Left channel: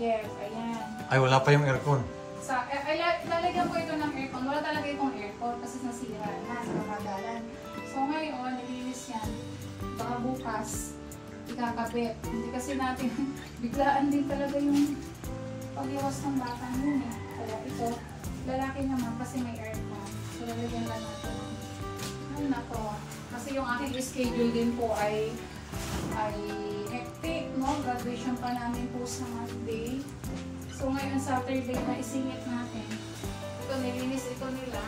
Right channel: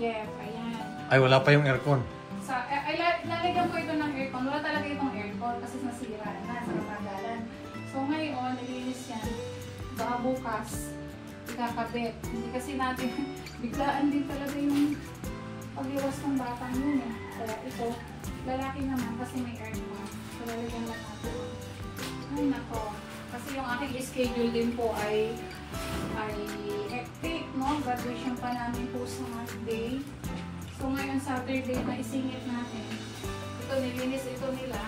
Jeff. Ayan. Ay, wala pa yung aircon. Lalagyan ko ito ng aircon. Wala talaga itong aircon kasi nasira na sa katagalan. So ngayon, nilinis yan. Baka bukas, ikakabit. Hindi kasi natin, biglaan din talaga yung paglawas ng bata mo eh. Kaya ito, lalaki naman kasi may aircon. So lalagyan lang natin. Ay nako. Kasi yung aking schedule din po ay hectic, no? Graduation pa namin po sa Monday. So ngayon Saturday, maisingit natin. Ito, nilinis ito nila.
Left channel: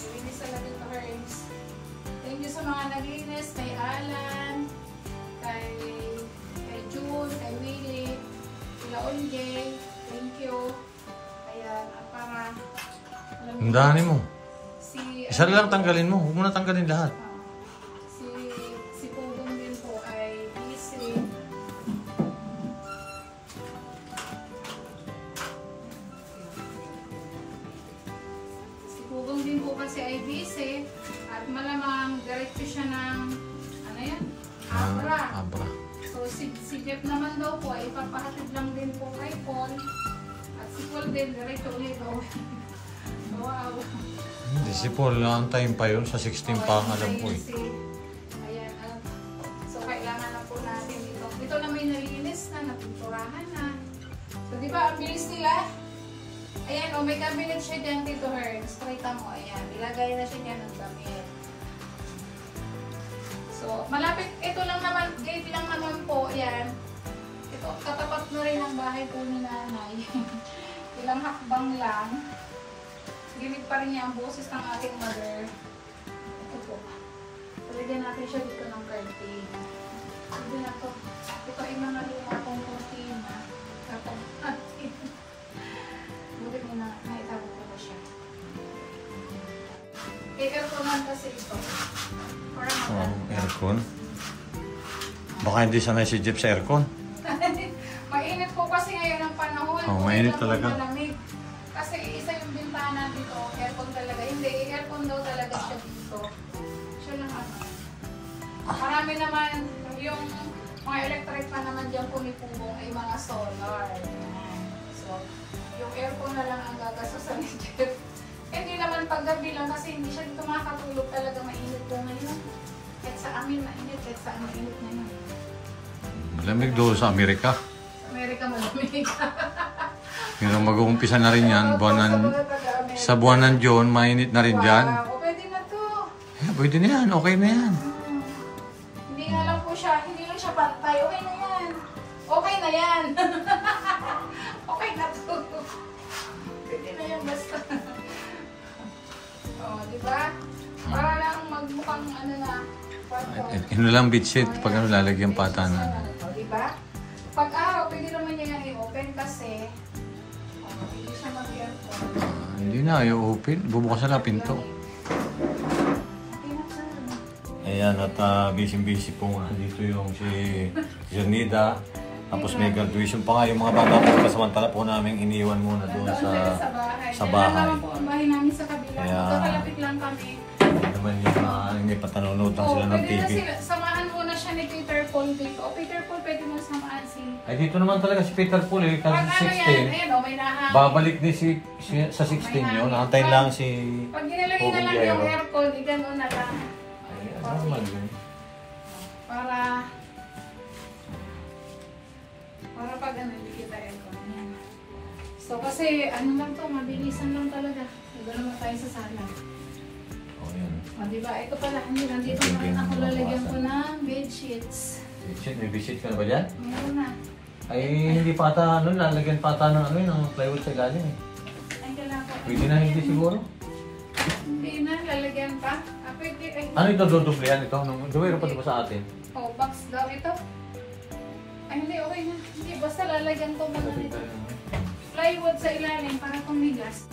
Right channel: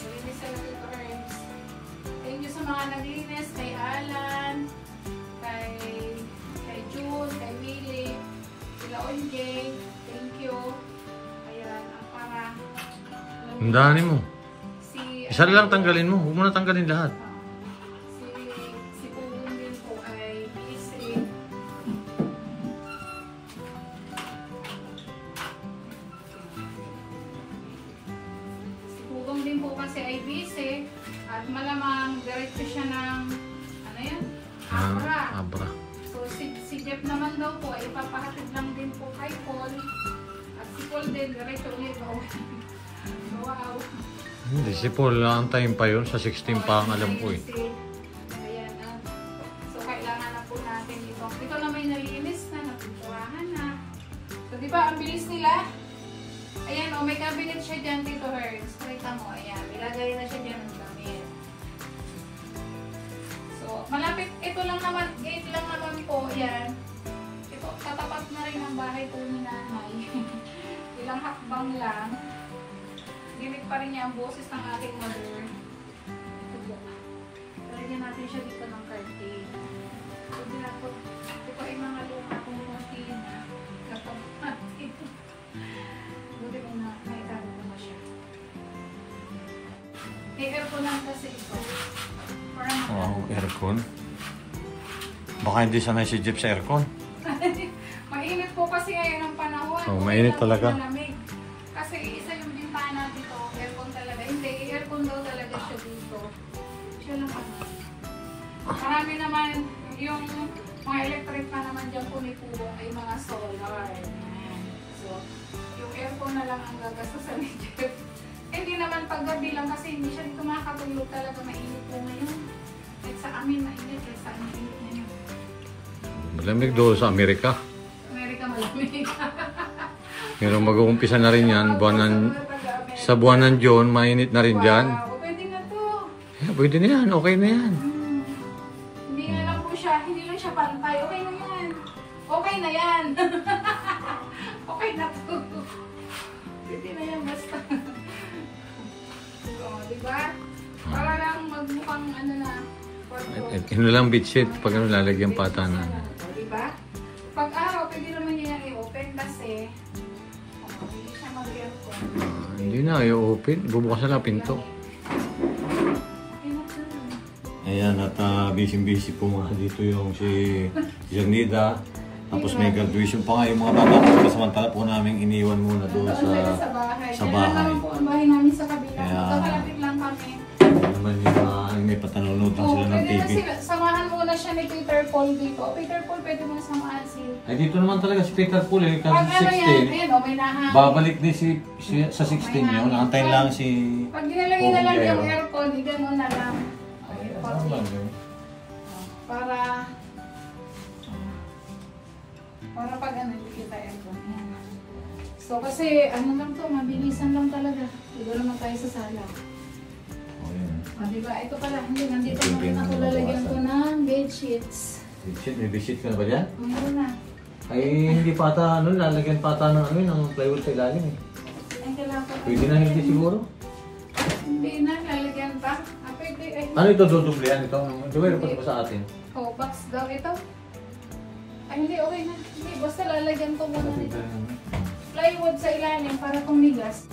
Nilinis talaga ito, friends. Thank you sa mga naglinis, kay Alan, kay June, kay Willie, kay Onjay. Thank you. Ayan, ang para... Ang dami mo. Si, isa lang tanggalin mo. Huwag mo na tanggalin lahat. Si Pugong din po ay busy. Si Pugong din po kasi ay busy. At malamang diretso siya ng ano yan? Abra. Abra. So si Jeff naman daw po ay ipapahatid lang din po kay Paul. At si Paul din diretso ulit po. Wow. Hindi, si Paul, antayin pa yun. Sa 16 pa ang alam ko eh. Ayan, so kailangan na po natin ito. Ito na may nalinis na, napinturahan na. So di ba, ang bilis nila? Ayan, may cabinet siya dyan dito, Herds. Pakita mo, ayan. Ilagay na siya dyan ng cabinet. So, malapit, ito lang naman, gate lang naman po, ayan. Ito, katapat na rin ang bahay po ni nanay. Ilang hakbang lang. Gimik pa rin niya ang boses ng ating mother. Ito po. Talagyan natin siya dito ng curtain. Sige na ito. Ito ay mga luma kong cortina. Ito. Buti mo na naitago ko ba siya. I-airconan kasi ito. Wow, aircon. Baka hindi sanay si Jeff sa aircon. Mainit po kasi ngayon ang panahon. Oh, mainit talaga. Malamig. Kasi isa yung bintana dito, aircon talaga. Hindi, aircon daw talaga siya dito. Siya lang ako. Marami naman, yung mga electric pa naman dyan pumipulong ay mga solar. So, yung aircon na lang ang gagastusan ni Jeff. Hindi naman paggabi lang kasi hindi siya dito makakatulog talaga. Mainit po ngayon. Kahit sa amin mainit, kahit sa amin mainit ngayon. Malamig doon sa Amerika. Amerika malamig. Pero mag-uumpisa na rin yan. Sa buwan ng June, mainit na rin dyan. Wow, pwede na to. Yeah, pwede na yan. Okay na yan. Hindi nga lang po siya, hindi lang siya pantay. Okay na yan. Okay na yan. Okay na to. Pwede na yan basta. O, diba? Para lang magmukhang ano na. Ino lang bedsheet. Pag ano, lalagyan patanan. Diba? Pag araw, pwede naman niya yan i-open kasi hindi siya mag-aircon. Hindi na, i-open. Bubukas na lang pinto. Ayan, at busy-busy po nga dito yung si Janida. Tapos may graduation pa nga yung mga bata. Kasamantala po namin iniwan muna doon sa bahay. Yan naman po ang bahay namin sa kabila. Kaya, kalapit lang kami. naman yung may patanunod lang sila ng TV. Samahan muna siya ni Peter Paul dito. Peter Paul, pwede mo samahan si... Ay, dito naman talaga si Peter Paul eh. Kasi 16. Babalik din sa 16 yun. Antayin lang si... Pag ginalagay na lang yung aircon, gano'n na lang. Para pag ano, hindi kita aircon. So kasi ano lang to, mabilisan lang talaga. Diba naman tayo sa sala. O diba, ito pala, hindi nandito naman ako lalagyan ko ng bedsheets. Bedsheet? May bedsheet ka na ba dyan? Mayroon na. Ay, hindi pa ata, ano, lalagyan pa ata ng ano, ng plywood sa galing eh. Ay, kailangan ko. Pwede na hindi siguro? Hindi na, lalagyan pa. Ah, pwede, ay. Ano ito, dudublihan ito? Duwero pa ito sa atin? Oh, box daw ito. Ay, hindi, okay na. Hindi, basta lalagyan ko muna nito. Plywood sa ilalim para tumigas.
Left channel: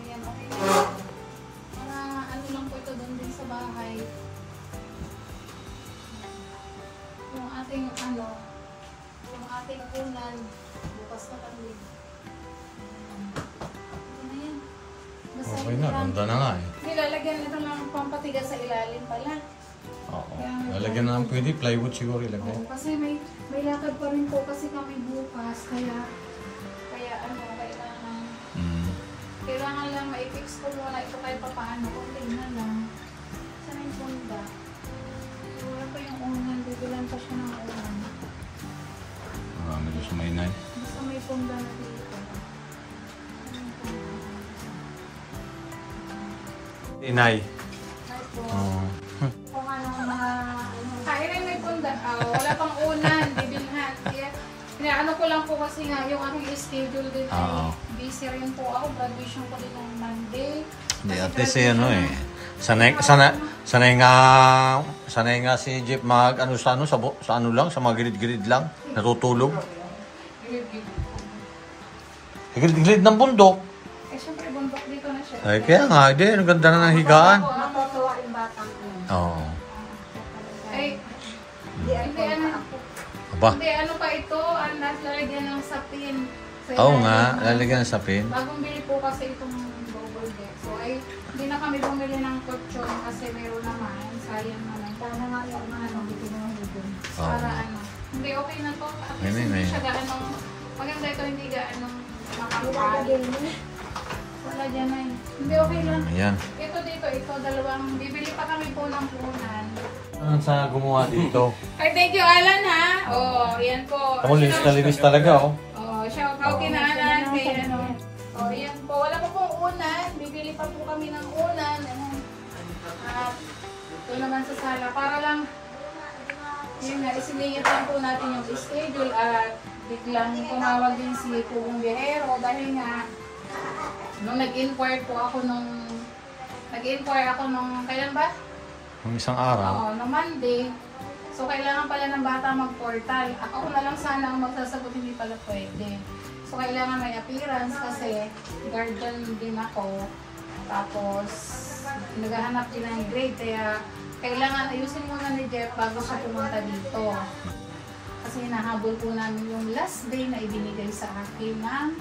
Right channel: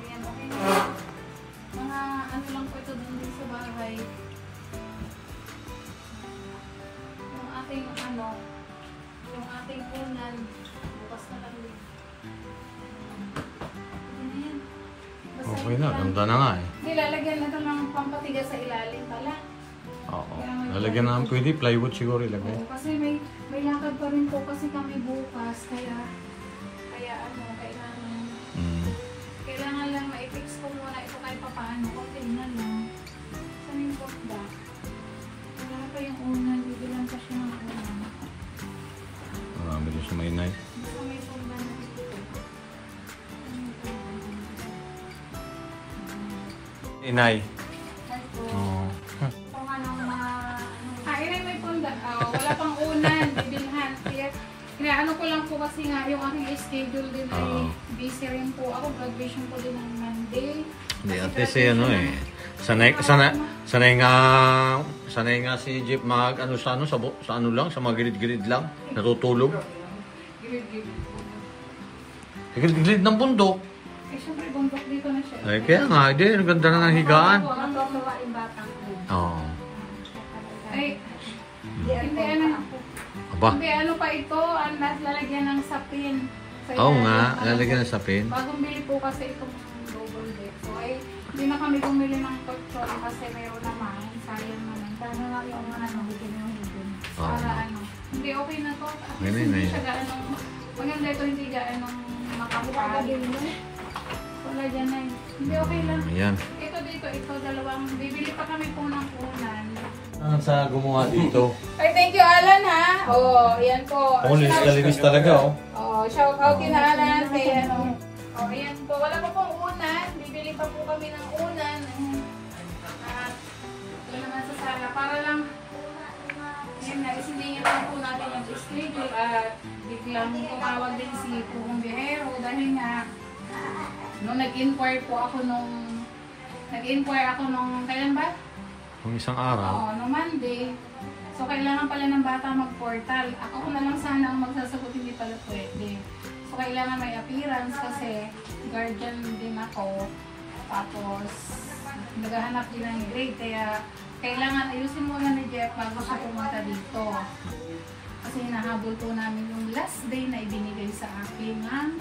Ayan, okay na. Mga ano lang po ito dun din sa bahay. Yung ating ano, yung ating unan. Bukas na lang din. Ayan. Basta Okay na, ganda na nga eh. Nilalagyan na ito ng pampatigas sa ilalim pala. Oo. Lalagyan na pwede, plywood siguro ilagay. Oo, kasi may lakad pa rin po kasi kami bukas, kaya ano, kailangan lang ma-fix ko muna ito kahit pa paano, konti na lang. Saan yung punda? Wala pa yung unan, bibilang pa siya ng unan. Marami doon sa may inay. Basta may punda na dito. Inay. Ay po. Oo. Kung ano mga... Kaya may punda. Wala pang unan, bibilhan. Kaya ano ko lang po kasi nga, yung aking schedule din ay busy rin po ako. Graduation ko din ng Monday. Hindi, at least ano eh. Sanay nga si Jeep mag ano sa ano lang, sa mga gilid-gilid lang, natutulog. Gilid-gilid ng bundok. Eh, syempre, bundok dito na siya. Ay, kaya nga, hindi, ang ganda na ng higaan. Oo. Ay, hindi ano. Aba. Hindi ano pa ito, ang lalagyan ng sapin. Oo nga, lalagyan ng sapin. Bagong bili po kasi itong double deck. So ay, hindi na kami bumili ng kutsyon kasi meron naman. Sayang naman. Kaya nga yung ano, bitin na hudin. Para ano. Hindi okay na po. Ayun, Hindi siya gaano. Maganda ito, hindi gaano makapagin. Wala dyan na. Hindi okay lang. Ayan. Ito dito, ito dalawang. Bibili pa kami po ng punan. Ang sa gumawa dito. Ay, thank you, Alan, ha? Oo, yan po. Ako linis talaga, oh. Oo, shout out kina Alan. Kaya ano. Oo, yan po. Wala pa pong unan. Bibili pa po kami ng unan. At ito naman sa sala. Para lang, yun nga, isiningit lang po natin yung schedule. At biglang tumawag din si Pugong Biyahero. Dahil nga, nung nag-inquire po ako nung, kailan ba? Yung isang araw. Oo, no Monday. So, kailangan pala ng bata mag-portal. Ako na lang sana ang magsasagot, hindi pala pwede. So, kailangan may appearance kasi guardian din ako. Tapos, naghahanap din ng grade. Kaya, kailangan ayusin muna ni Jeff bago siya pumunta dito. Kasi hinahabol ko namin yung last day na ibinigay sa akin ng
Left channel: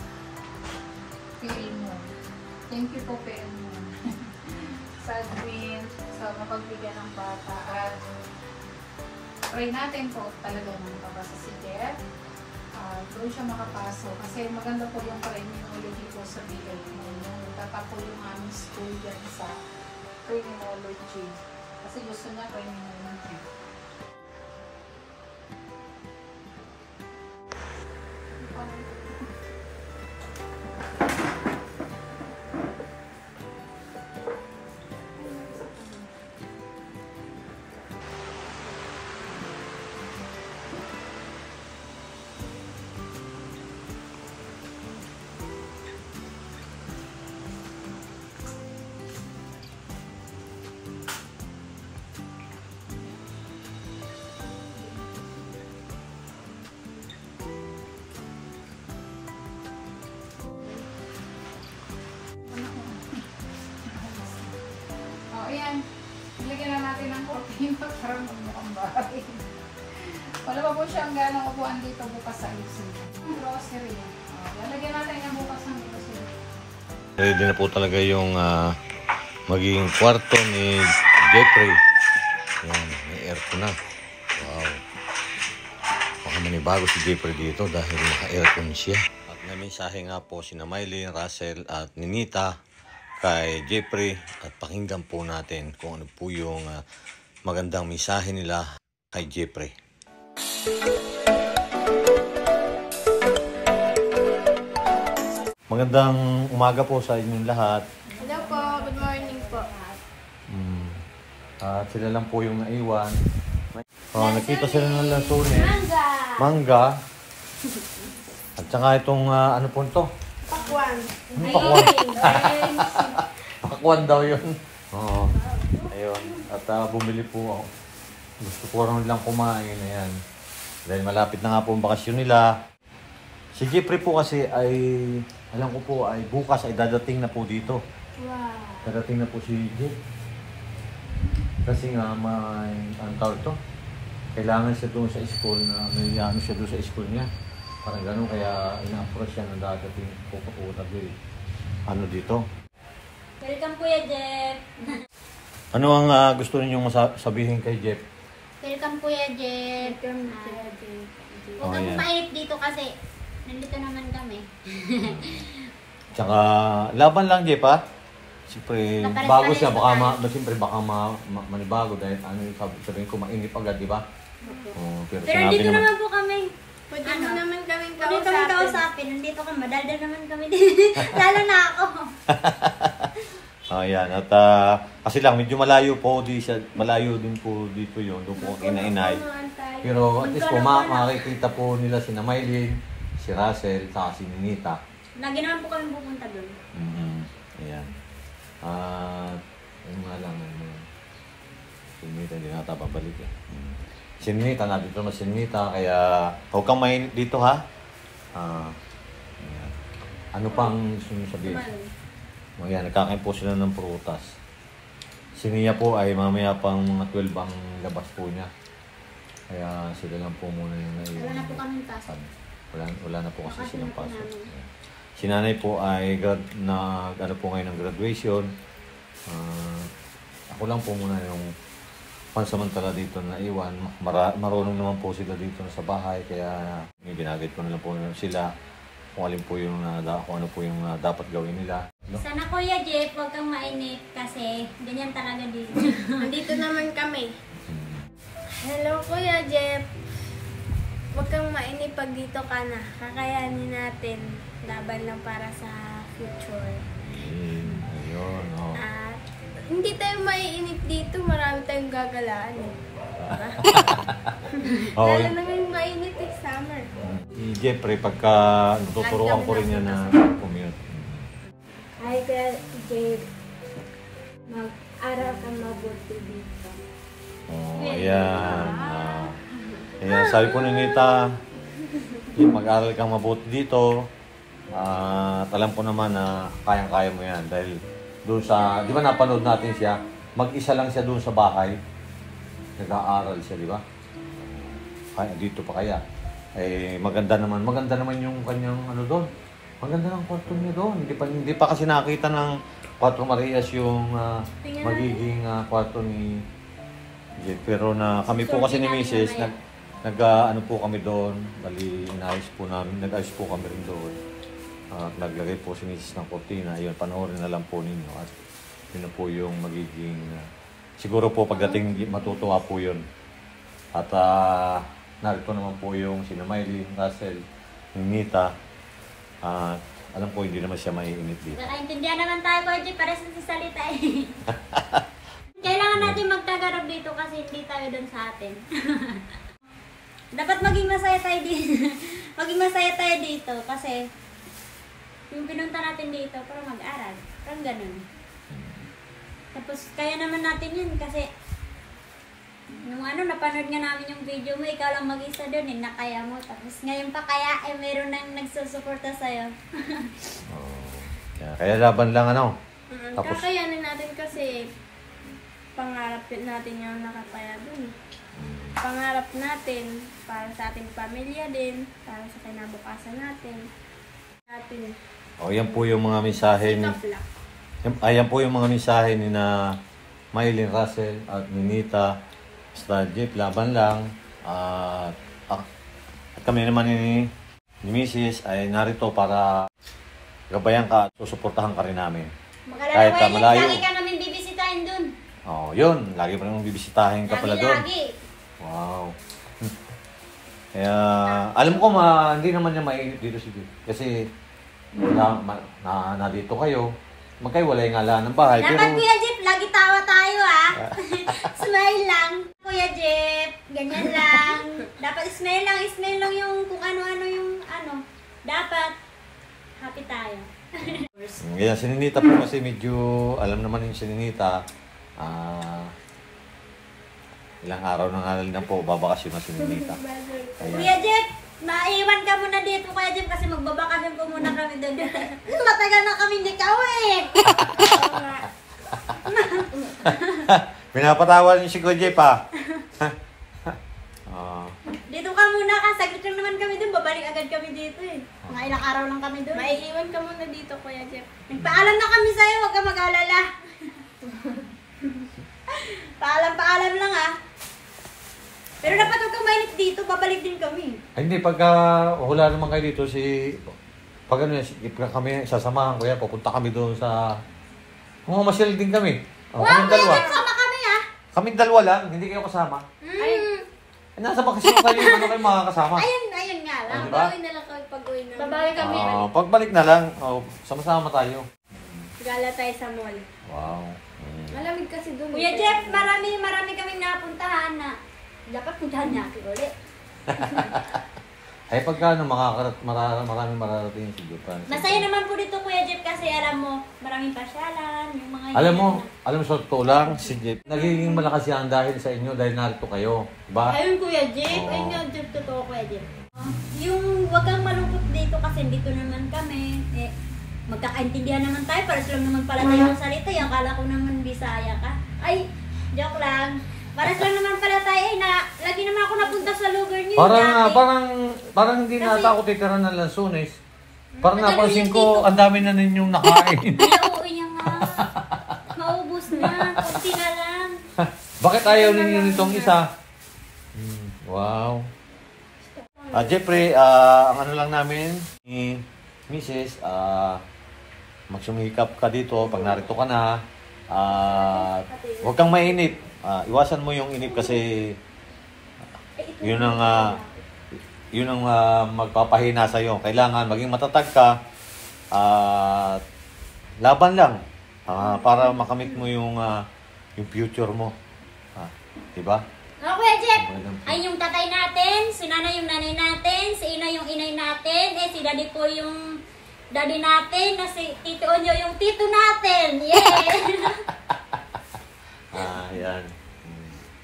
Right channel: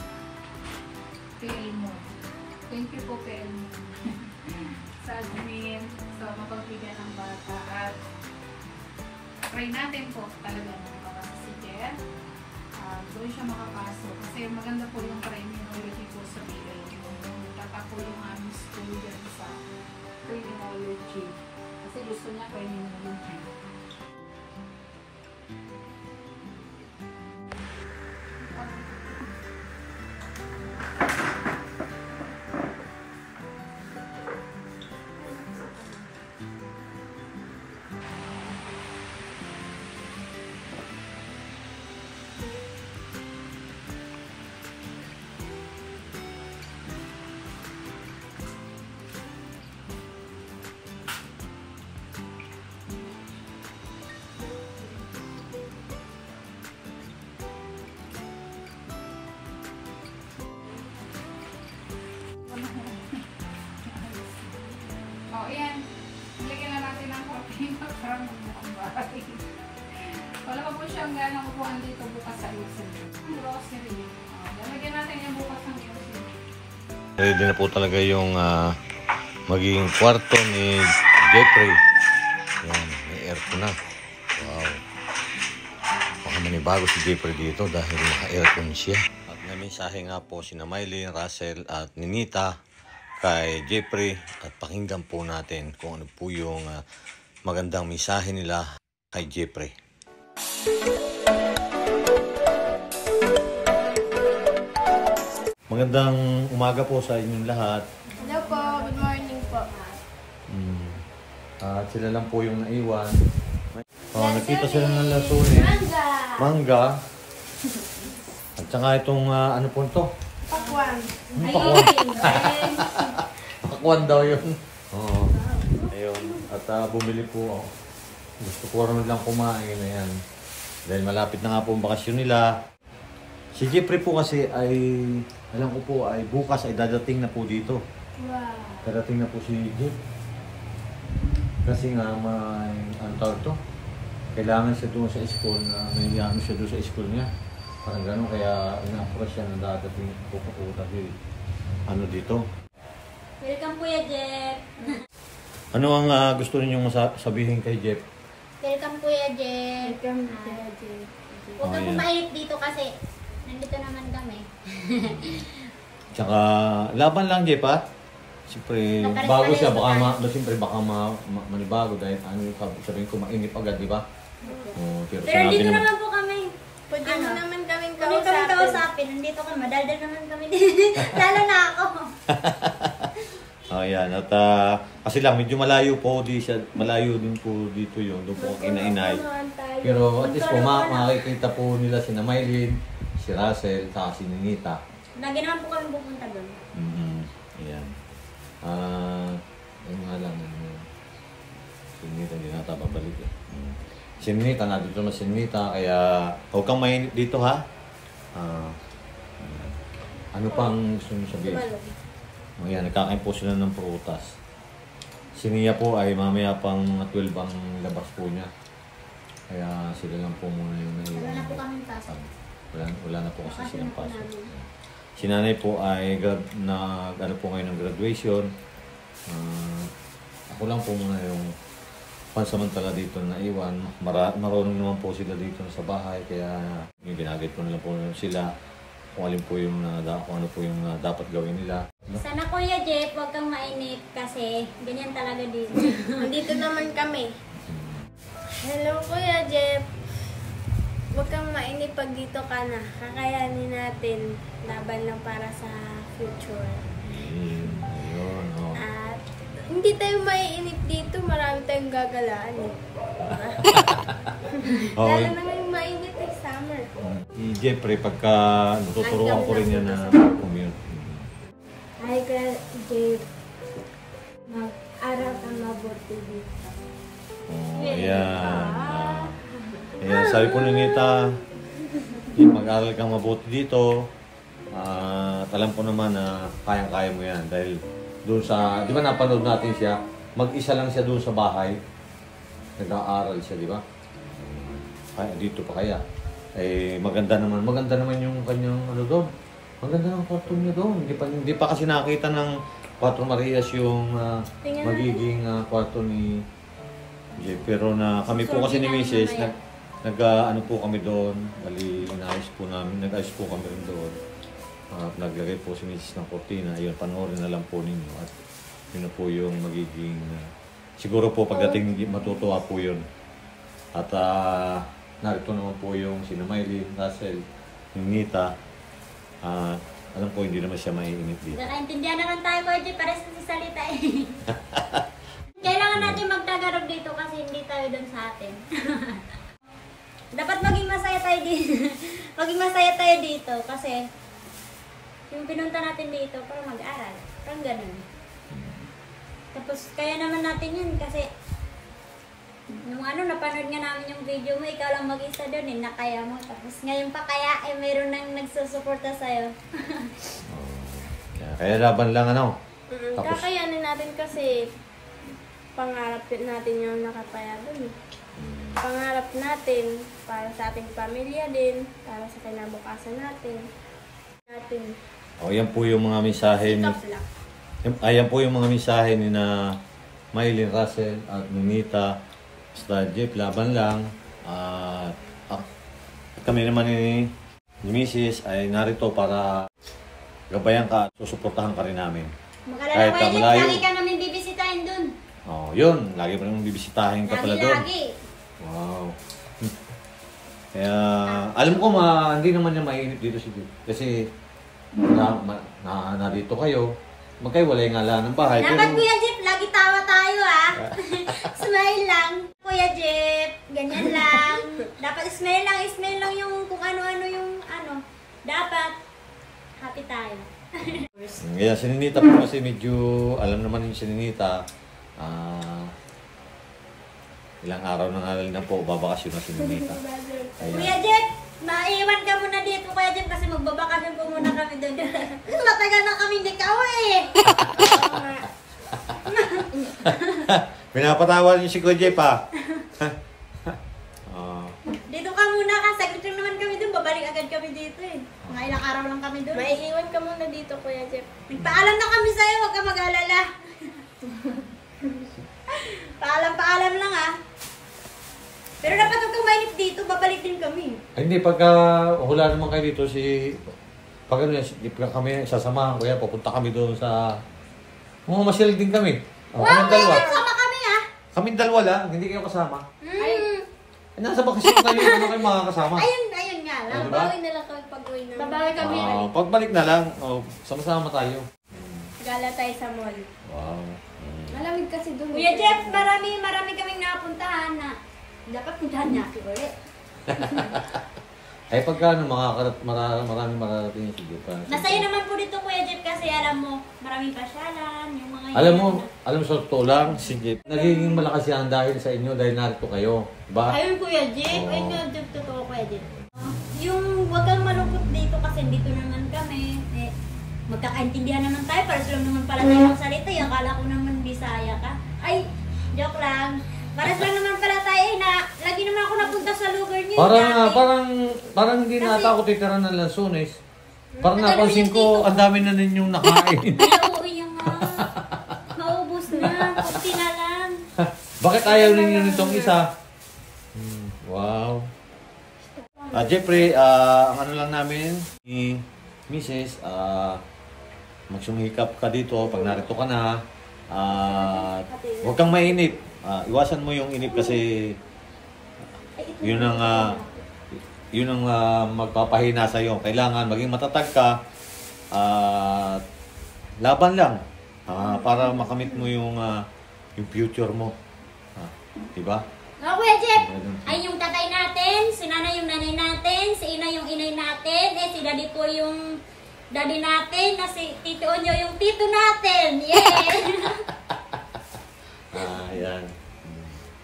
PLMO. Thank you po, PLMO. Sa admin, sa mapagbigyan ng bata at try natin po talaga makapasa si Jeff. Doon siya makapasok kasi maganda po yung criminology po sa bigay yung tatapo yung aming school din sa criminology kasi gusto niya criminology. Ayan, nilagyan na natin ng coffee para magmukhang bahay. Wala pa po siyang ganang upuan dito bukas sa ayusin. Grocery. Lalagyan natin yung bukas ng ayusin. Ready na po talaga yung magiging kwarto ni Jeffrey. Ayan, may aircon na. Wow. Baka manibago si Jeffrey dito dahil naka-aircon siya. At namisahe nga po si Maylin, Russell at Ninita kay Jeffrey at pakinggan po natin kung ano po yung magandang mensahe nila kay Jeffrey. Magandang umaga po sa inyong lahat. Hello po, good morning po. At sila lang po yung naiwan. Nakita sila ng lasurin. Mangga! Mangga. At saka itong ano po ito? Pakwan. Pakwan. Pakwan daw yun. Oo. Ayun. At bumili po. Gusto ko rin lang kumain. Ayan. Dahil malapit na nga po ang bakasyon nila. Si Jeffrey po kasi ay, alam ko po, ay bukas ay dadating na po dito. Wow. Dadating na po si Jeff. Kasi nga may, anong tawag to? Kailangan siya doon sa school na nangyayami siya doon sa school niya. Parang gano'n, kaya ina-approach siya na dadating pupunta dito. Ano dito? Welcome Kuya Jeff. Ano ang gusto ninyong sabihin kay Jeff? Welcome Kuya Jeff. Welcome, Kuya Jeff. Huwag kang Oh, yeah. pumayip dito kasi nandito naman kami. Tsaka, laban lang, Jeff, ha? Siyempre, Mapares-pares bago siya, pa baka, tayo. siyempre, baka manibago dahil sabihin ko, mainip agad, di ba? Oh, Pero sinabi dito naman- naman po kami. Pwede Ano? mo naman kaming Kung kami kausapin. kausapin, nandito kami. Madaldal naman kami din. Lalo na ako. Ayan, at kasi lang, medyo malayo din po dito yun, doon po ang inainay. Pero at least po, makikita po nila si Maylin, si Russell, saka si Ninita. Lagi naman po kami pupunta doon. Ayan. Ayun nga lang, si Ninita, hindi nga babalik eh. Si Ninita, nandito naman si Ninita, kaya huwag kang mainit dito ha. Ano pang sabihin? Ayan, nagkakain po sila ng prutas. Si Nia po ay mamaya pang 12 ang labas po niya. Kaya sila lang po muna yung Wala na po kaming pasok. wala na po kasi Bakasyon silang na po pasok. namin. Si nanay po ay ano po ngayon ng graduation. Ako lang po muna yung pansamantala dito na iwan. Marunong naman po sila dito sa bahay. Kaya ginagay ko na lang po sila kung alin po yung kung ano po yung dapat gawin nila. Sana Kuya Jeff, huwag kang mainit kasi ganyan talaga dito. Nandito naman kami. Hello, Kuya Jeff. Huwag kang mainip pag dito ka na. Kakayanin natin. Laban lang para sa future. Yun, oh. At hindi tayo maiinip dito. Marami tayong gagalaan eh. Diba? Oh, Lalo na ngayong mainit eh, summer. Jeffrey, pagka tuturuan ko rin yan na commute. Hi, Kuya Jeff. Mag-aral kang mabuti dito. Ayan. Kaya sabi ko ni Nita, mag-aral kang mabuti dito. At alam ko naman na kayang-kaya mo yan. Dahil doon sa, di ba napanood natin siya, mag-isa lang siya doon sa bahay. Nag-aaral siya, di ba? Dito pa kaya. Eh, maganda naman yung kanyang ano doon. Maganda ang kwarto niya doon. Hindi pa kasi nakita ng Kwarto Marias yung magiging kwarto ni Jeff. Pero na kami po kasi ni Mrs. Ano po kami doon. Bali, nag-ayos po kami rin doon. At naglagay po si Mrs. ng kortina. Ayun, panoorin na lang po ninyo. At yun na po yung magiging siguro po pagdating matutuwa po yun. At narito naman po yung sina Maylin, Russell, Ninita. Alam ko hindi naman siya maiinit dito. Nakaintindihan naman tayo Kuya Jeff, para sa salita eh. Kailangan natin magtagarap dito kasi hindi tayo doon sa atin. Dapat maging masaya tayo dito. Maging masaya tayo dito kasi yung pinunta natin dito para mag-aral. Parang ganun. Tapos kaya naman natin yun kasi yung napanood nga namin yung video mo, ikaw lang mag-isa doon eh, nakaya mo. Tapos ngayon pa kaya meron nang nagsusuporta sa'yo. Kaya laban lang ano. Tapos, Kakayanin natin kasi pangarap natin yung nakapaya dun. Pangarap natin para sa ating pamilya din, para sa kinabukasan natin. yan po yung mga mensahe ni ayan po yung mga mensahe ni na Maylin, Russell at Ninita. Basta Jeff, laban lang. At kami naman ni Mrs. ay narito para gabayan ka at susuportahan ka rin namin. Mag-alala Kahit Kuya Jeff, malayo. lagi ka namin bibisitahin dun. Yun. Lagi pa naman bibisitahin ka pala doon. Lagi. Wow. Kaya, alam ko hindi naman niya mainit dito si Jeff. Kasi, na dito kayo, magkaiwalay nga lang ng bahay. Dapat Kuya Jeff, lagi tawa tayo Smile lang. Kuya Jeff, ganyan lang. Dapat smile lang yung kung ano-ano yung Dapat, happy tayo. Ngayon, si Ninita po kasi medyo, alam naman yung si Ninita, ilang araw na nga lang po, babakasyon na si Ninita. Kuya Jeff, maiwan ka muna dito Kuya Jeff kasi magbabakasyon po muna kami doon. Matagal na kami hindi kauwi. Pinapatawa niyo si Kuya Jeff Dito ka muna ka, saglit lang naman kami doon. Babalik agad kami dito eh. Mga ilang araw lang kami doon. Maiiwan ka muna dito, Kuya Jeff. Nagpaalam na kami sa'yo, huwag ka mag-alala. Paalam lang ah. Pero dapat huwag kang mainip dito, babalik din kami. Ay, hindi, pagka hula naman kayo dito, pag ano, kami sasamahan ko yan, pupunta kami doon sa... Mamasal din kami. Wow, Kaming dalawa. sama kami ah. Kaming dalawa lang, hindi kayo kasama. Ay, Nasa bakasyon kayo, ano kayo makakasama? ayun nga lang. Ano ba? Bawi na lang kami pag-uwi na. Babawi kami. Pagbalik na lang, sama-sama tayo. Gala tayo sa mall. Wow. Malamig kasi doon. Kuya Jeff, marami kaming napuntahan na dapat puntahan niya ako ulit. Ay, pagka maraming mararating si Jeff. Masaya naman po dito Kuya Jeff kasi alam mo, maraming pasyalan, yung mga Alam mo, sa totoo lang, si Jeff, nagiging malakas yan dahil sa inyo, dahil narito kayo. Diba? Ayun Kuya Jeff, Oo. ayun nga Jeff, totoo Kuya Jeff. Yung wag kang malungkot dito kasi dito naman kami, magkakaintindihan naman tayo, para lang naman pala tayo ng salita, akala ko naman Bisaya ka. Ay, joke lang. Paras lang naman pala tayo na lagi naman ako napunta sa lugar niyo dati. Parang hindi Kasi- nata ako titira ng Lanzones. Parang Nagano napansin yung tito ko, ko? ang dami na ninyong nakain. Ay, oo yan nga. Maubos na, kunti na lang. Bakit ayaw ninyo nitong isa? Wow. Jeffrey, ang ano lang namin, ni Mrs., magsumikap ka dito pag narito ka na. Huwag kang mainip. Iwasan mo yung inip kasi yun ang magpapahina sa'yo. Kailangan maging matatag ka. Laban lang. Para makamit mo yung future mo. Diba? Oh, Kuya Jeff, ay yung tatay natin, si nanay yung nanay natin, si ina yung inay natin, si daddy po yung daddy natin, na si tito Onyo yung tito natin. Yeah! Ayan.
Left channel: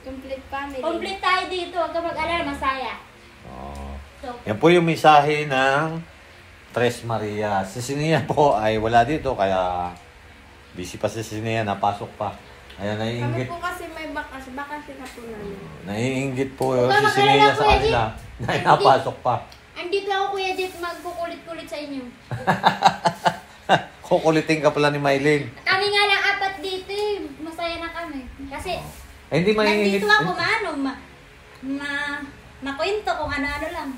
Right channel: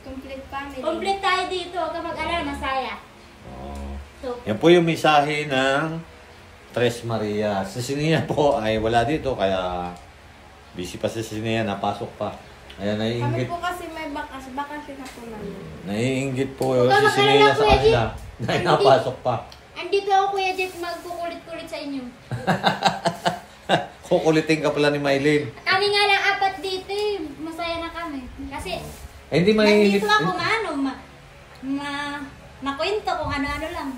Complete family. Complete tayo dito, huwag ka mag-alala, masaya. So, Yan po yung mensahe ng Tres Maria. Si Sinia po ay wala dito, kaya busy pa si Sinia, napasok pa. Ayan, Kami naiingit. po kasi may bakasyon na po namin. Naiingit po Huwag ka si Sinia mag-alala, sa Kuya Jeep. kanila. Dahil napasok pa. andito ako Kuya Jeff, magkukulit-kulit sa inyo. Kukulitin ka pala ni Mylene. Kami nga lang apat dito masaya na kami. Kasi, Ay, hindi maiingit. nandito ako makwento kung ano-ano lang.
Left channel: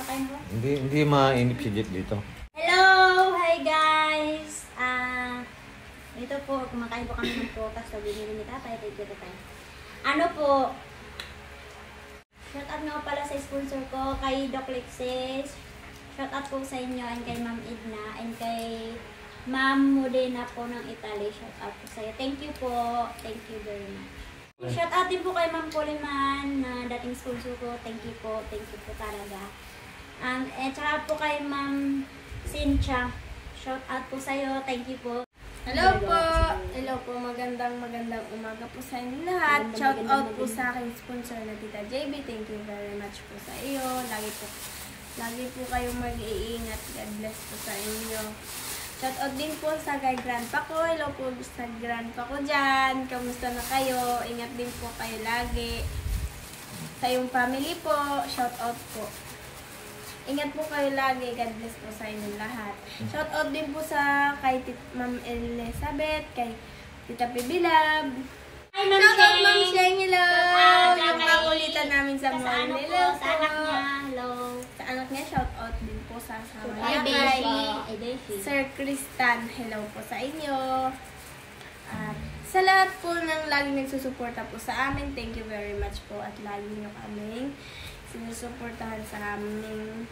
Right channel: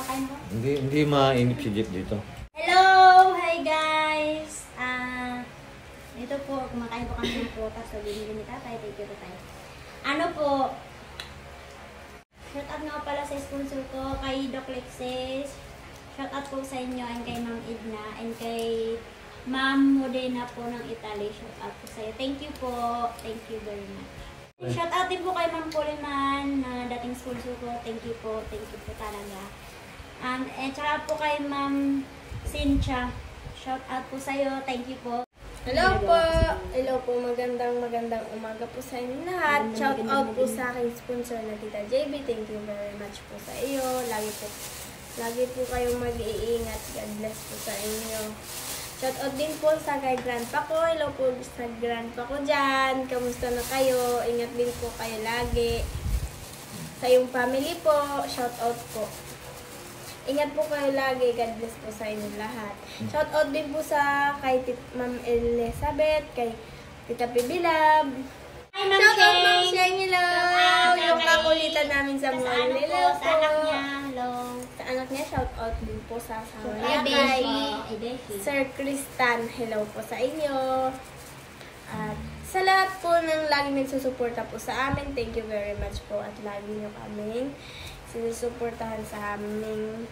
Pakain mo? Hindi mainit si Jet dito. Hello! Hi guys! Ito po, kumakain po kami ng prutas. So, binili ni tatay. Thank you, tatay. Ano po, shout out nga pala sa sponsor ko, kay Doc Lexis. Shout out po sa inyo and kay Ma'am Edna and kay Ma'am Modena po ng Italy. Shout out po sa iyo. Thank you po. Thank you very much. Shout out din po kay Ma'am Coleman na dating sponsor ko. Thank you po. Thank you po talaga. And tsaka po kay Ma'am Cynthia. Shout out po sa iyo. Thank you po. Hello po! Hello po, magandang umaga po sa inyo lahat. Shout out po sa aking sponsor na Tita JB. Thank you very much po sa iyo. Lagi po kayong mag-iingat. God bless po sa inyo. Shout out din po sa kay grandpa ko. Hello po sa grandpa ko dyan. Kamusta na kayo? Ingat din po kayo lagi. Sa iyong family po, shout out po. Ingat po kayo lagi. God bless po sa inyo lahat. Shout out din po sa kay Ma'am Elizabeth, kay Tita Pibilab. Hi, Ma'am Shout out Ma'am Sheng! Sheng, hello! Shout out Yung kay- kakulitan namin sa Sa mall. ano po, Hello sa anak po. niya. Hello. Sa anak niya, shout out din po sa asawa Ay, niya. Beshi. Kay Ay, Beshi. Sir Kristan, hello po sa inyo. At sa lahat po ng laging nagsusuporta po sa amin, thank you very much po at lagi nyo kaming sinusuportahan sa aming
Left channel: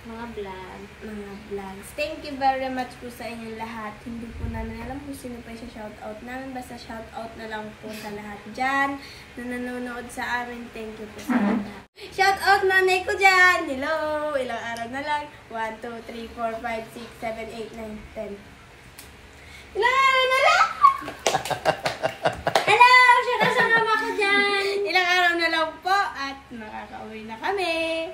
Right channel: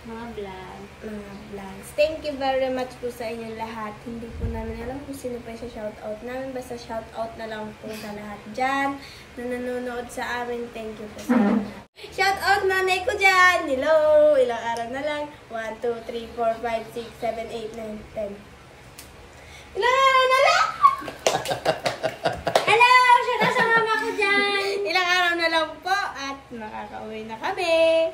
Mga vlog. mga vlogs. Thank you very much po sa inyo lahat. Hindi po namin alam kung sino pa yung shoutout namin. Basta shoutout na lang po sa lahat dyan na nanonood sa amin. Thank you po sa lahat. Shoutout nanay ko dyan! Hello! Ilang araw na lang? 1, 2, 3, 4, 5, 6, 7, 8, 9, 10. Ilang araw na lang? Hello! Shout out sa mama ko dyan! Ilang araw na lang po at makakauwi na kami.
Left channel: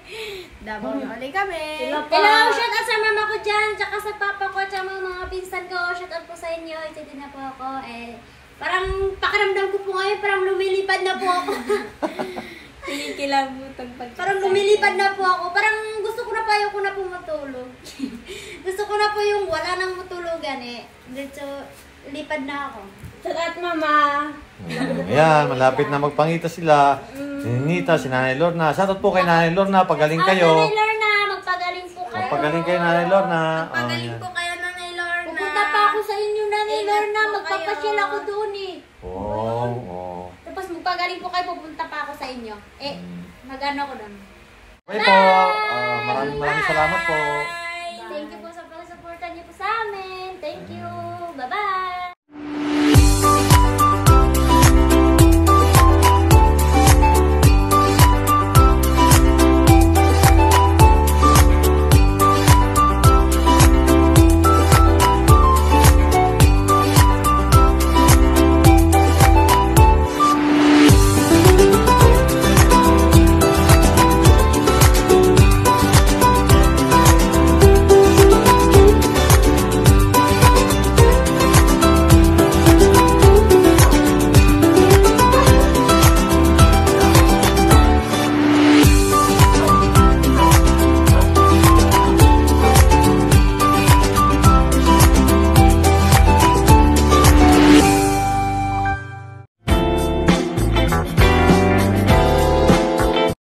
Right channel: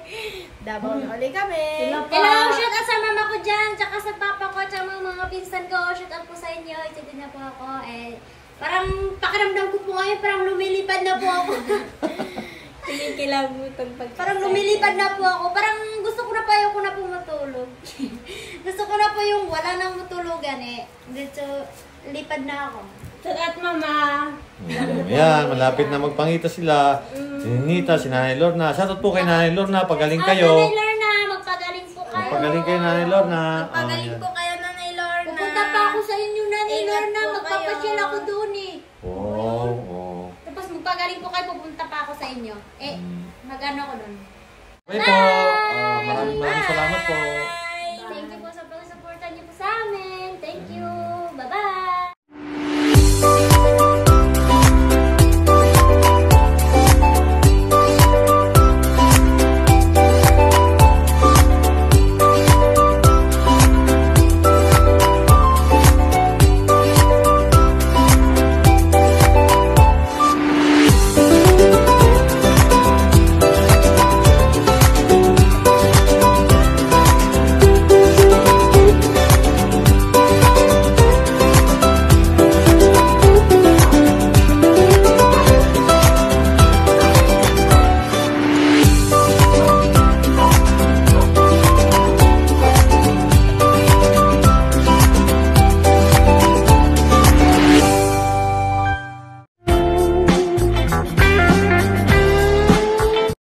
Davao na ulit kami. Hello! Shout out sa mama ko dyan! Tsaka sa papa ko, tsaka mga pinsan ko. Shout out po sa inyo. Itigil na po ako. Parang pakiramdam ko po ngayon, parang lumilipad na po ako. Kinikilabutan pag Parang lumilipad na po ako. Parang gusto ko na pa yung na po matulog. Gusto ko na po yung wala nang matulugan Dito, lipad na ako. At mama. Yan, malapit na magpangita sila. Si Nita, si Nanay Lorna. Shoutout po kay Nanay Lorna, pagaling kayo. Nanay Lorna, magpagaling po kayo. Pagaling kayo, Nanay Lorna. Pagaling po kayo, Nanay Lorna. Pupunta pa ako sa inyo, Nanay Ingat Lorna. po Magpapasyal kayo. ako doon eh. Oo. Tapos magpagaling po kayo, pupunta pa ako sa inyo. Mag-ano ko doon. Okay po. Maraming salamat po. Thank you po sa pag-suporta niyo po sa amin. Thank you. Bye-bye.